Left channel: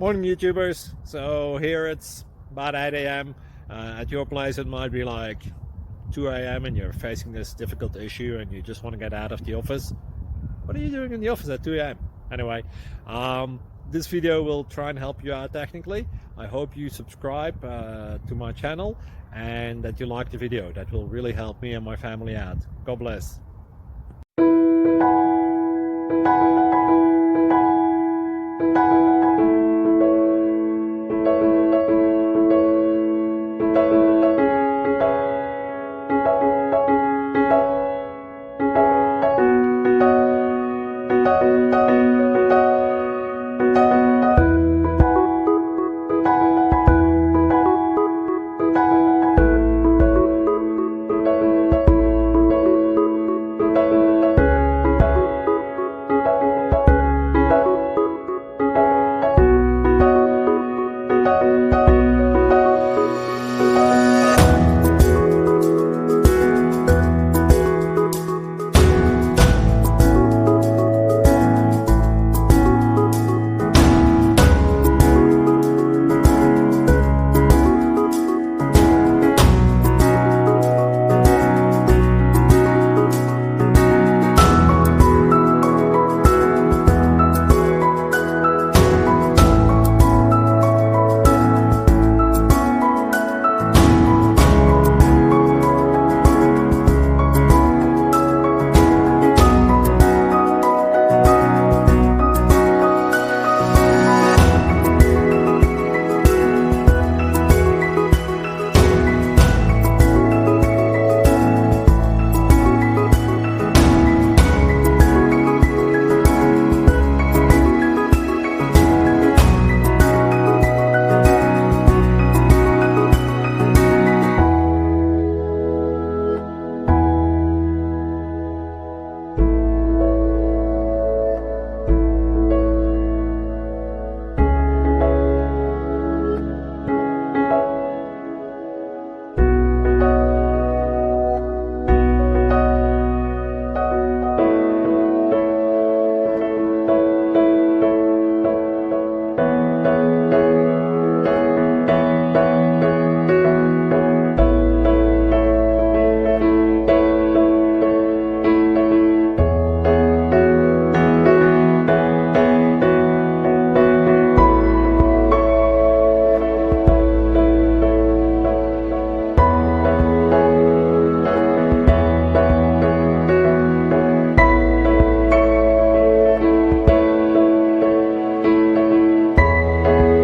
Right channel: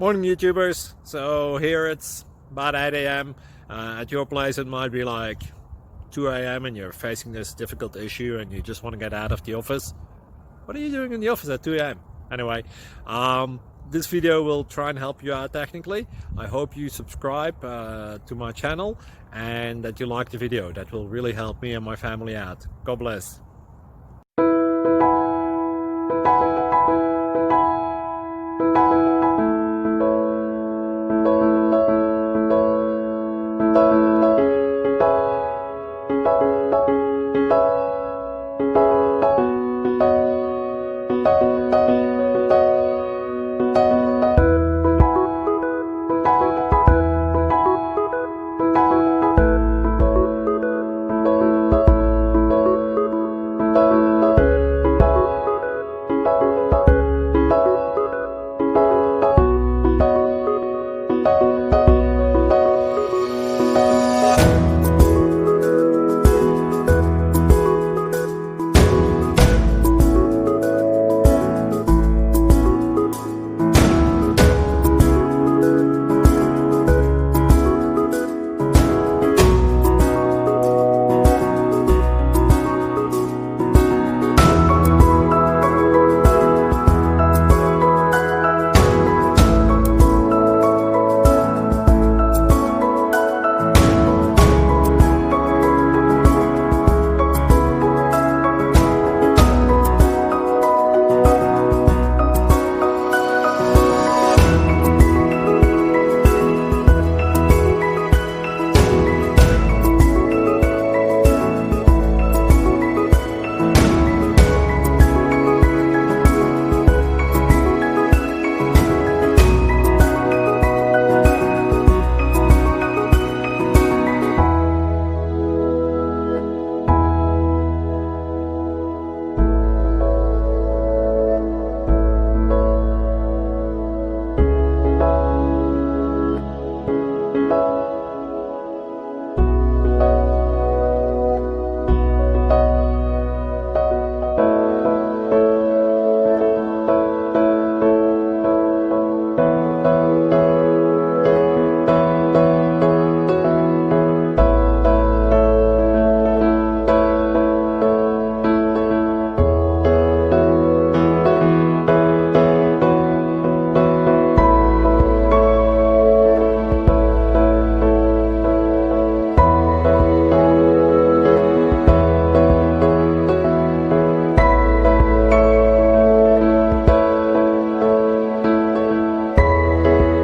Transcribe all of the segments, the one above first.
Morning YouTubers. So here it's about 8 a.m. At your place it might be like 2 a.m. and you're facing this difficult issue and you just want to get out of the office. What are you doing in the office at 2 a.m.? Anyway, this video will try and help you out technically. I hope you subscribe to my channel and that you like the video. That will really help me and my family out. God bless.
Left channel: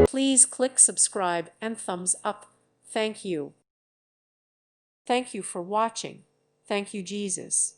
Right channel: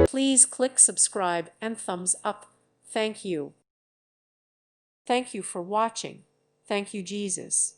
Please click subscribe and thumbs up. Thank you. Thank you for watching. Thank you, Jesus.